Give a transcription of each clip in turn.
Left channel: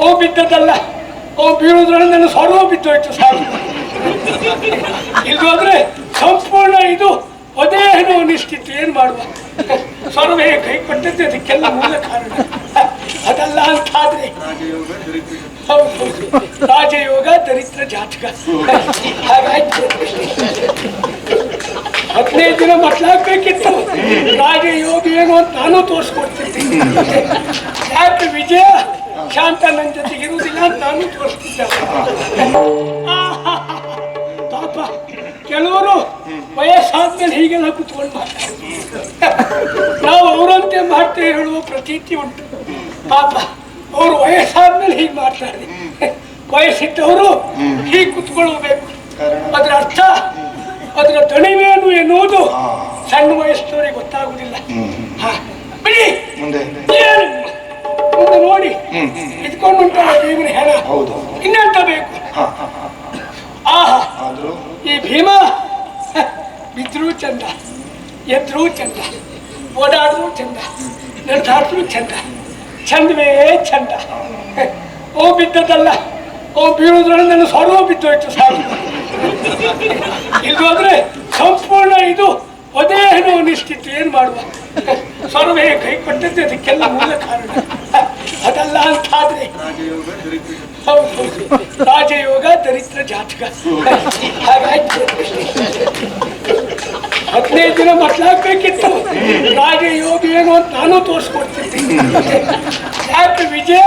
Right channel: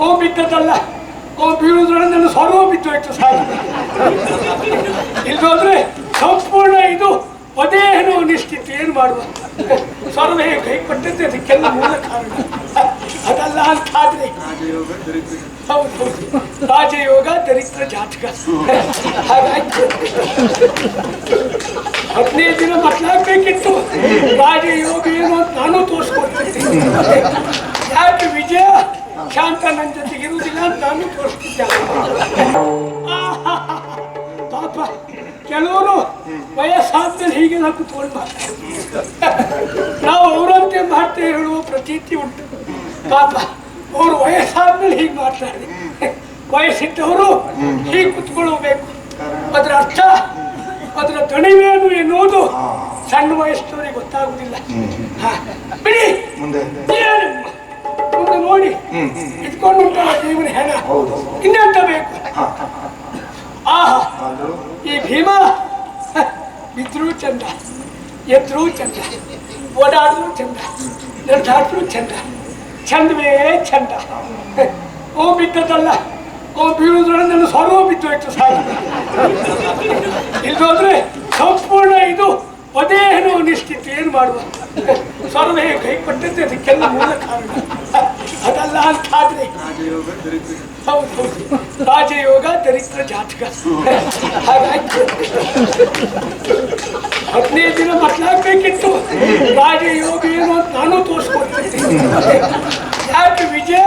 ಅವು ಬಿದ್ದದಲ್ಲ, ಅವು ಬೀಳುದ್ರಲ್ಲಿ ನನ್ನ ಸ್ವರ್ವ ಬಿದ್ದೋಯ್ತು ಸಾಕು. ಇಲ್ಲೋದ್ರೆ ಸಂಪೂರ್ಣ ಇದು ಅದೇನೋ ನಿಶ್ಚಿತ. ಏನು ಮಾಡುವ, ಸ್ವರ್ವೇ ಕೈ ಕೊಟ್ಟದ್ದು ಅದಕ್ಕೆಲ್ಲ ಮೂಲ ಕಾರಣ. ಅದಲ್ಲ ಅಂತಾದ್ರೆ ಹೌದು, ರಾಜಯೋಗ ದರಿದ್ರ ಜಾತಕ. ಹಾಗಾಯ್ತು 15 ದಿನ ಮಕ್ಕಳಾಗ್ಬೇಕಿತ್ತು. ರಾಜಯೋಗ ಏನು ಅಂತ ನಾನು ತೋರಿಸ್ಕೊಡ್ತಿದ್ದೆ. ಯಾಕೆ ವಿಜಯ ಶಾಂತ ನನ್ನ ಜೊತೆಗೆ ಇರುವುದಿಲ್ಲ ಅಂತ ನಾನು ತೋರಿಸ್ತಿದ್ದೆ. ಪಾಪ ಕೆಲವರು ವಯಸ್ಸಾದ್ಮೇಲೆ ಹೀಗೆಲ್ಲ ಕುತ್ಕೊಂಡು ಮಾಡ್ತಾರೆ. ನಾವು ಅವರಂತೆ ಮಾಡ್ತೇವೆ ಹೇಳುವ ಪ್ರತೀತಿ ಉಂಟು. ಪಾಪ ಅವರು ವಯಸ್ಸಾದ್ಮೇಲೆ ಹೀಗೆ ಮಾಡ್ತಾರೆ. ವಯಸ್ಸಿದ್ದವರು ಹೀಗೆ ಕುತ್ಕೊಳ್ಬೇಕು. ಅದರ ಅರ್ಥ, ಅದರ ದಣಿವೇನು ಎನ್ನುವುದು ಸಣ್ಣ ವಯಸ್ಸಿನವರಿಗೆ ಗೊತ್ತಾಗುವುದಿಲ್ಲ. ಬಿಡಿ, ಮುಂದೆ ನೋಡಿ ಇಟ್ಕೊಂಡು ಉಂಟಲ್ಲ ದೇವರ ಹೆಣ, ಇನ್ನೆಂತ ಬೇಕು? ಆಹಾ, ಈ ಭೀಮ ಬಿದ್ರೂ ಚಂದ, ಎದ್ರೂ ಚಂದ, ಓಡಾಡಿದ್ರು ಚಂದ, ನಡೆದಾಡಿದ್ರು ಚಂದ, ಚಂದವೇ ಚಂದ. ಅವು ಬಿದ್ದದಲ್ಲ, ಅವು ಬೀಳುದ್ರಲ್ಲಿ ನನ್ನ ಸ್ವರ್ವ ಬಿದ್ದೋಯ್ತು ಸಾಕು. ಇಲ್ಲೋದ್ರೆ ಸಂಪೂರ್ಣ ಇದು ಅದೇನೋ ನಿಶ್ಚಿತ. ಏನು ಮಾಡುವ, ಸ್ವರ್ವೇ ಕೈ ಕೊಟ್ಟದ್ದು ಅದಕ್ಕೆಲ್ಲ ಮೂಲ ಕಾರಣ. ಅದಲ್ಲ ಅಂತಾದ್ರೆ ಹೌದು, ರಾಜಯೋಗ ದರಿದ್ರ ಜಾತಕ. ಹಾಗಾಯ್ತು 15 ದಿನ ಮಕ್ಕಳಾಗ್ಬೇಕಿತ್ತು. ರಾಜಯೋಗ ಏನು ಅಂತ ನಾನು ತೋರಿಸ್ಕೊಡ್ತಿದ್ದೆ. ಯಾಕೆ ವಿಜಯ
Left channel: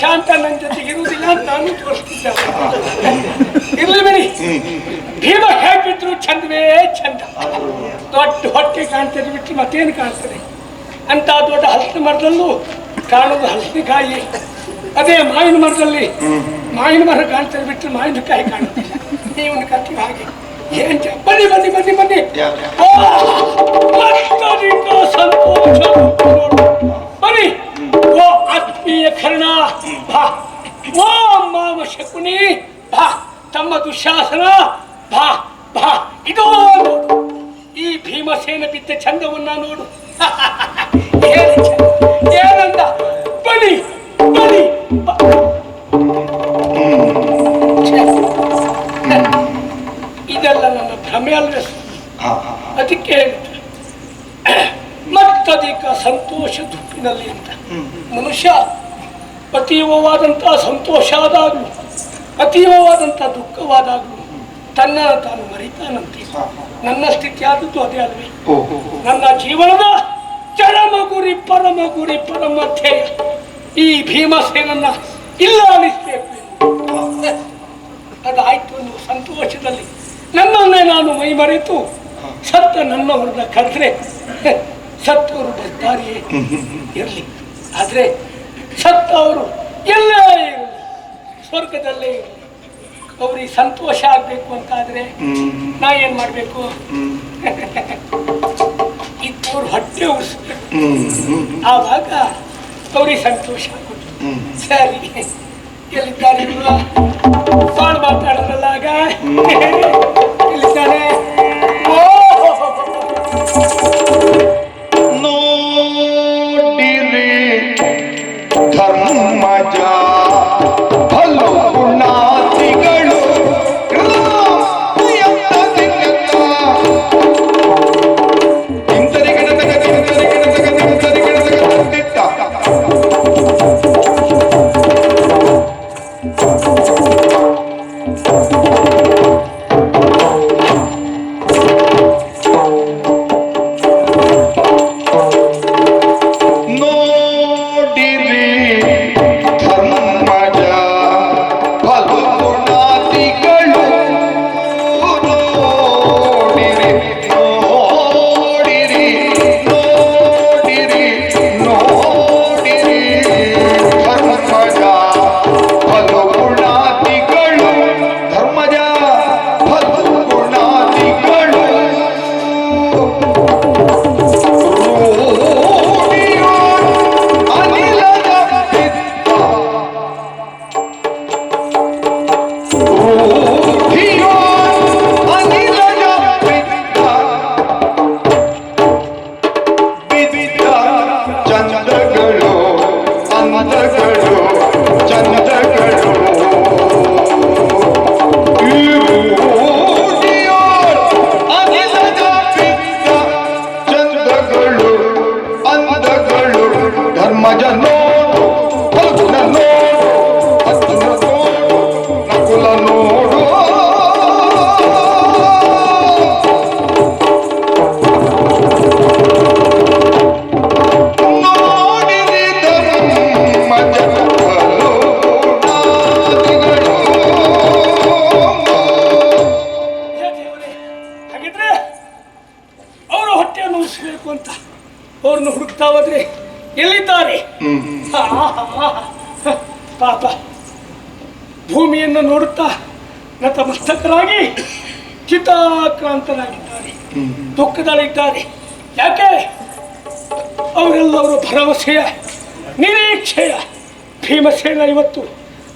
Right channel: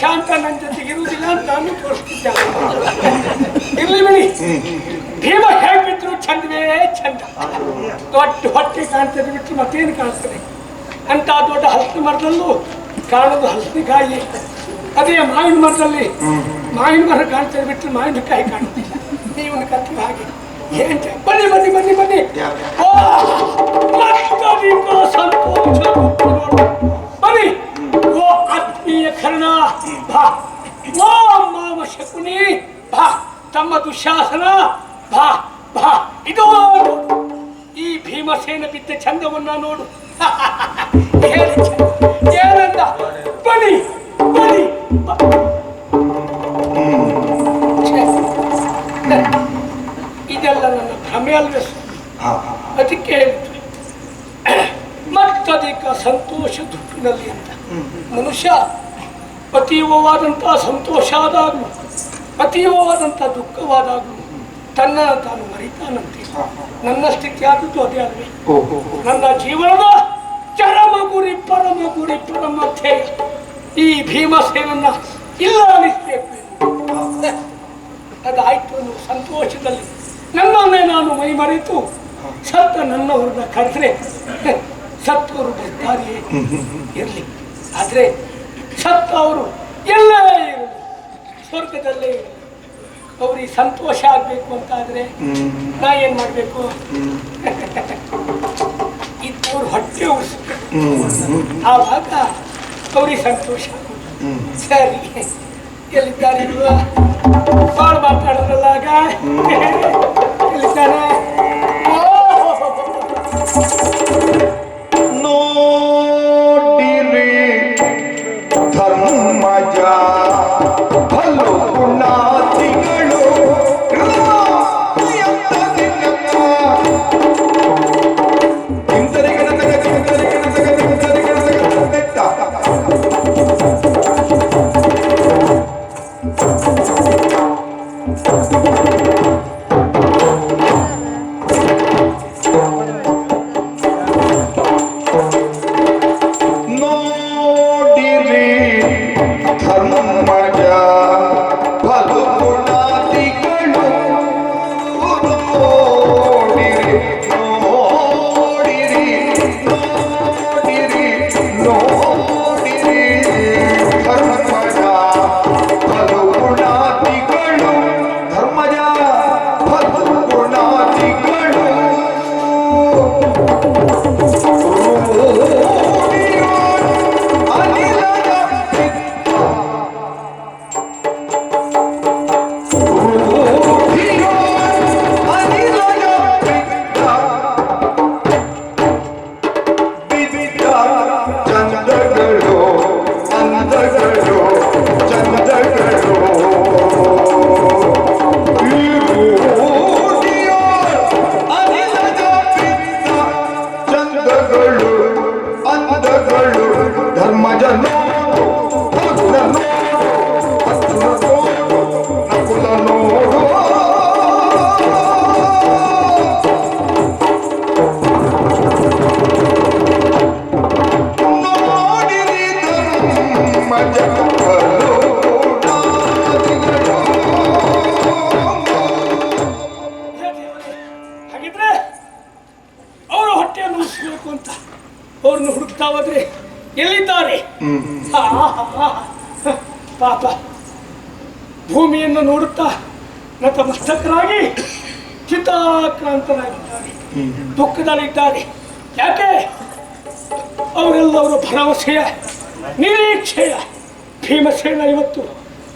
ಶಾಂತ ನನ್ನ ಜೊತೆಗೆ ಇರುವುದಿಲ್ಲ ಅಂತ ನಾನು ತೋರಿಸ್ತಿದ್ದೆ. ಇರ್ಲಿ ಬಿಡಿ, ಭೀಮ ಹೇಳ್ಬಿಟ್ರು ಚಂದವೇ ಚಂದ. ದೊಡ್ಡ ಹೊಟ್ಟೆ ಕಾಣ್ತದೆ ಬಿಟ್ಟರೆ ಮತ್ತೇನು ಕಾಣ್ತದೆ? ಅಂತ ದೊಡ್ಡ ಹಲಸಿನ ಮರದಲ್ಲೂ ಕಾಣೋದು ಹಲಸಿನಕಾಯಿ. ಅದೇ ಮಾವಿನ ಮರದಲ್ಲಿ ಮಾವಿನ ಮರ ಕಾಣ್ತದೆ ಬಿಟ್ಟರೆ ಮಾವಿನಕಾಯಿ ಕಾಣ್ತಿಲ್ಲ. ನೀವನ್ನ ಕತ್ತಿ ಹಾಗೆ ಏನ್ ಬನ್ನಿ ಬನ್ನಿ ಬನ್ನಿ ಬನ್ನಿ. ಸಂತೋಷ ಬನ್ನಿ. ಓ ಆತ್ಮೀಯ ಕರ್ಣ ಭಾ, ಓ ಮಾವ ಶಕುನಿ ಭಾ, ತಮ್ಮ ದುಶ್ಯಾಸನ ಭಾ ಭಾ. ಇದು ನೋಡು, ಈ ಭೀಮಸೇನ ಬಿದ್ದ ಚಂದವನ್ನ ನೋಡು. ಏನಂದ? ಬನ್ನಿ ಬನ್ನಿ. ಇದೆಲ್ಲ ನನ್ನ ಭ್ರಮೆ ಅಲ್ವೇ? ಅದಕ್ಕೆ ಮತ್ತಧಿಕ ಸಂತೋಷ ದುಃಖಿನಲ್ಲಿ ಅಂತ. ಮನುಷ್ಯ ಅತೀವವಾದಂತಹ ಸಂತೋಷ ಆದಾಗಲೂ ಅತೀವವಾದಂಥ ದುಃಖವಾದಾಗಲೂ ತನ್ನ ತಾನು ಮರಿತಾನಂತೆ. ನನ್ನ ಸ್ಥಿತಿ ಆದದ್ದು ಅದೇ ಅಲ್ವೇ? ನನ್ನ ಜೀವನದ ಚರಮ ಗುರಿ ಪರಮ ಗುರಿ ಪರಮ ಧ್ಯೇಯ ಈ ಭೀಮಸೇನನ್ನ ಇಲ್ಲ ಅನಿಸ್ಬೇಕು. ಅದಾಯ್ತು ಅನ್ನೋ ಸಂತೋಷದಲ್ಲಿ ನನ್ನನ್ನೇ ನಾನು ಮೈ ಮರೆತು ಸತ್ತ ನನ್ನವ್ರನ್ನ ಕರೆದ್ರೆ ಸತ್ತವರು ಬರ್ತಾರೆಯೇ ಇರಲಿ. ಆದರೆ ಸತ್ತವರು ಎಲ್ಲೇ ಇರಲಿ, ಸ್ವರ್ಗದಲ್ಲೇ ಇರಲಿ, ಅವ್ರಿಗೆ ಸಂತೋಷ ಆಗಬೇಕು ಅಂತಾದರೆ ನಾ ಏನು ಮಾಡಬೇಕು? ಇದ್ದವ್ರು ಹೊಟ್ಟೆ ಉಳಿಸ್ಬೇಕು. ಆವಾಗ ಅವ್ರಿಗೆ ಸಂತೋಷ ಆಗೋದು. ಸರಿ, ಎಲ್ಲಿದ್ದಾರೆ ಇಲ್ವಾ? ಬಾಳ್ ಮಾತಾಡೋದಲ್ಲ ಆಗ. ಎಲ್ಲಿದ್ದಾನೆ? ನೋಡಿರಿ ಧರ್ಮಜ ಭಲು ಗುಣಾತಿಗಳು ಪಾಪ ಭೂಮಿಯನ್ನು ನೋಡುತ್ತಾ ನತಮಸ್ತಕರಾಗಿ ಚಿತ್ತಾಕ್ರಾಂತರಾಗಿದ್ದಾರೆ, ದುಃಖದಲ್ಲಿದ್ದಾರೆ. ಯಾಕೆ? ಅವರೆಲ್ಲರೂ ಭರವಸೆಯ ನಿರೀಕ್ಷೆಯ ಭೀಮಸೇನ ಇವತ್ತು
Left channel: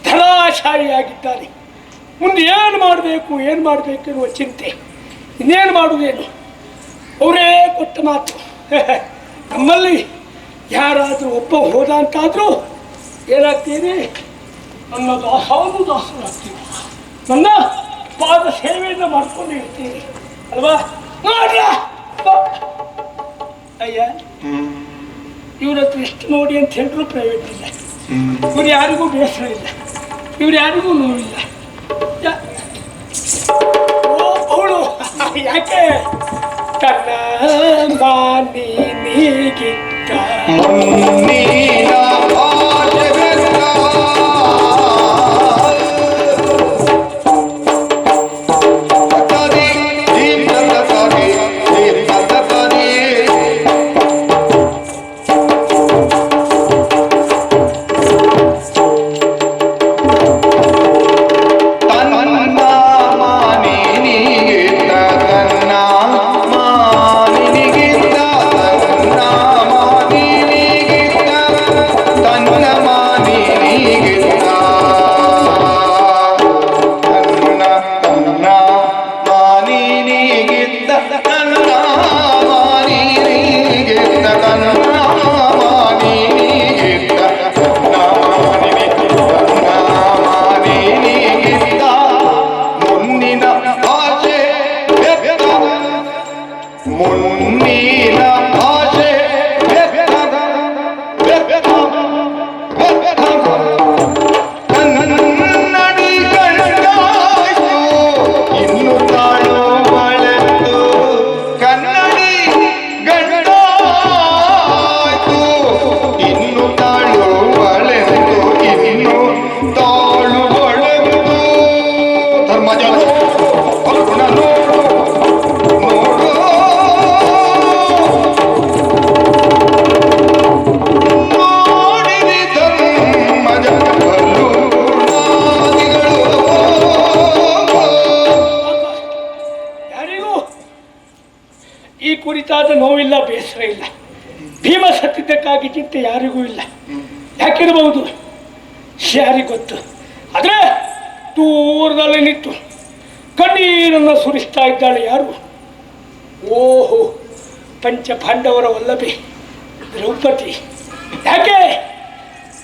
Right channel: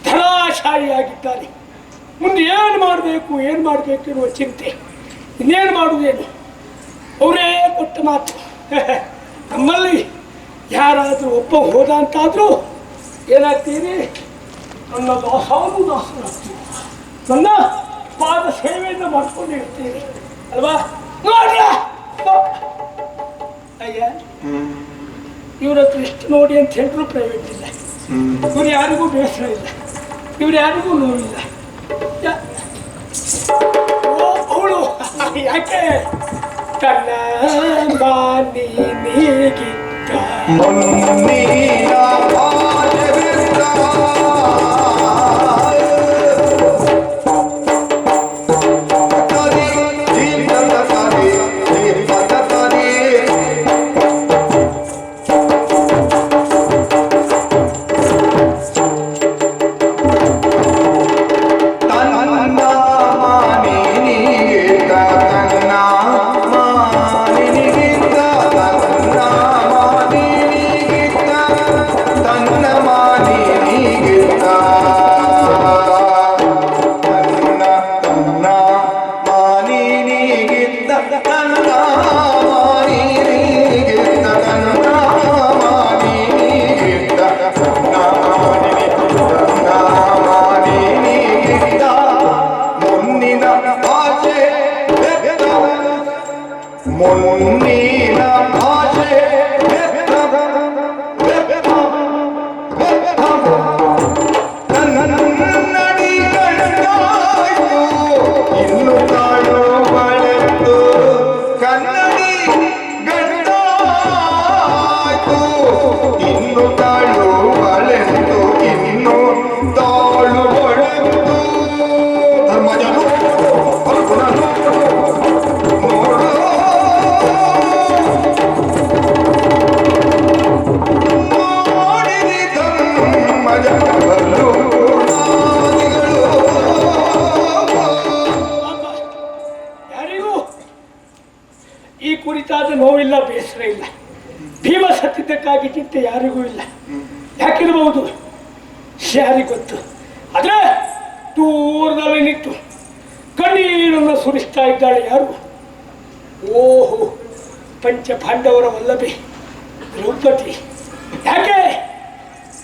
ಧರಾಶಾಯಿಯಾಗಿದ್ದಾರೆ. ಮುಂದೆ ಏನು ಮಾಡಬೇಕು ಎನ್ನುವ ಚಿಂತೆ, ಇನ್ನೇನು ಮಾಡುವುದೇನು? ಅವರೇ ಕೊಟ್ಟ ಮಾತು, ನಮ್ಮಲ್ಲಿ ಯಾರಾದರೂ ಒಬ್ಬ ಹೋದ ಅಂತಾದರೂ ಏನಾಗ್ತೀರಿ? ನನ್ನ ದಾಸರಾಗ್ತೀರಿ, ನನ್ನ ಪಾದ ಸೇವೆಯನ್ನು ಮಾಡ್ಕೊಂಡು ಇರ್ತೀರಿ ಅಲ್ವಾ? ನೋಡ್ಯ ಅಯ್ಯ, ಇವ್ರ ಹತ್ರ ಎಷ್ಟು ನೋಡಿ ಅಂತ ಹೇಳಿದ್ರು ಪ್ರೈವೇಟ್ ಇಲ್ಲ. ಇವ್ರು ಯಾರಿಗೂ ಬೇಸರ ಇಲ್ಲ, ಇವ್ರು ಯಾರಿಗೂ ನೋವಿಲ್ಲ. ಅವಳು ಯಾಕೆ ತನ್ನ ಮಾನಿಗಿದ್ದ ನೋವಿಲ್ಲ, ಬೇಸರ ಇಲ್ಲ. ಭೀಮ ಸತ್ತಿದ್ದಕ್ಕಾಗಿ ಚಿಂತೆ ಯಾರಿಗೂ ಇಲ್ಲ. ಯಾಕಿರಬಹುದು ಯಾರಿಗೆ ಗೊತ್ತು? ಆದರೆ ದೂರದಲ್ಲಿ ನಿಂತು ಕಣ್ಣೀರನ್ನು ಸುರಿಸ್ತಾ ಇದ್ದಾಳೆ ಯಾರು? ಓಹೋ, ಪಂಚಪಾಂಡವರ ವಲ್ಲಭೆ ದ್ರೌಪದಿ. ಯಾಕೆ?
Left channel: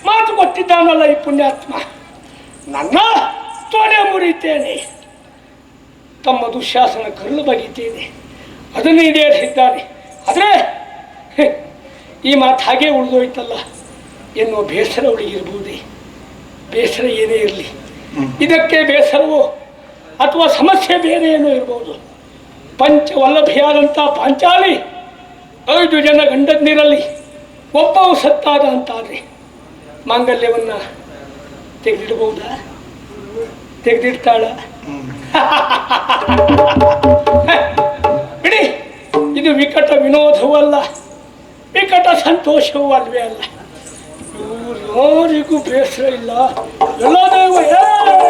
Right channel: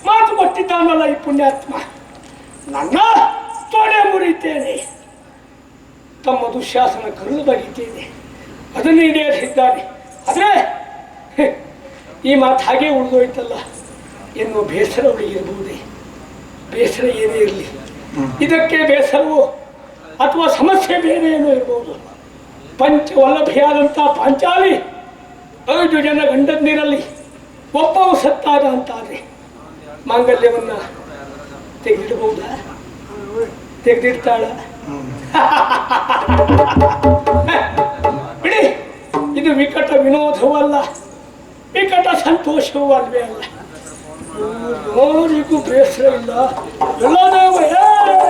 ಮಾತು ಕೊಟ್ಟಿದ್ದಾನಲ್ಲ ಈ ಪುಣ್ಯಾತ್ಮ, ನನ್ನ ತೊಡೆ ಮುರಿತೇನೆ, ತಮ್ಮ ದುಶ್ಯಾಸನ ಕಲ್ಲು ಬಗೆತೇನೆ, ಅದನ್ನು ಈಡೇರಿಸಿದ್ದಾನೆ. ಆದರೆ ಈ ಮಾತು ಹಾಗೆ ಉಳಿದೋಯ್ತಲ್ಲ ಎನ್ನುವ ಬೇಸರ ಅವಳಿಗಿರಬಹುದೇ? ಬೇಸರ ಏನೇ ಇರಲಿ, ಇದಕ್ಕೆ ಬೇಸರವೋ ಅಥವಾ ಸಮಸ್ಯೆ ಬೇರೆ ಏನೋ ಇರಬಹುದು. ಪಂಚವಲ್ಲಭೆಯಾದಂಥ ಪಾಂಚಾಲಿ 5 ಜನ ಗಂಡಂದಿರಲ್ಲಿ ಒಬ್ಬವು ಸತ್ತಾದ ಅಂತಾದರೆ ಮಾಂಗಲ್ಯವನ್ನು ತೆಗೆದಿಡಬಹುದಾ? ತೆಗೆದಿಡ್ತಾಳ? ಬಿಡಿ, ಇದು ವಿಕಟ ವಿನೋದವೂ ಅಲ್ಲ, ವಿಕಟ ಸಂತೋಷವೂ ಅಲ್ವೇ ಅಲ್ಲ. ಯಾರಿಗೂ ಬೇಸರ ಇಲ್ಲ. ಎಲ್ಲ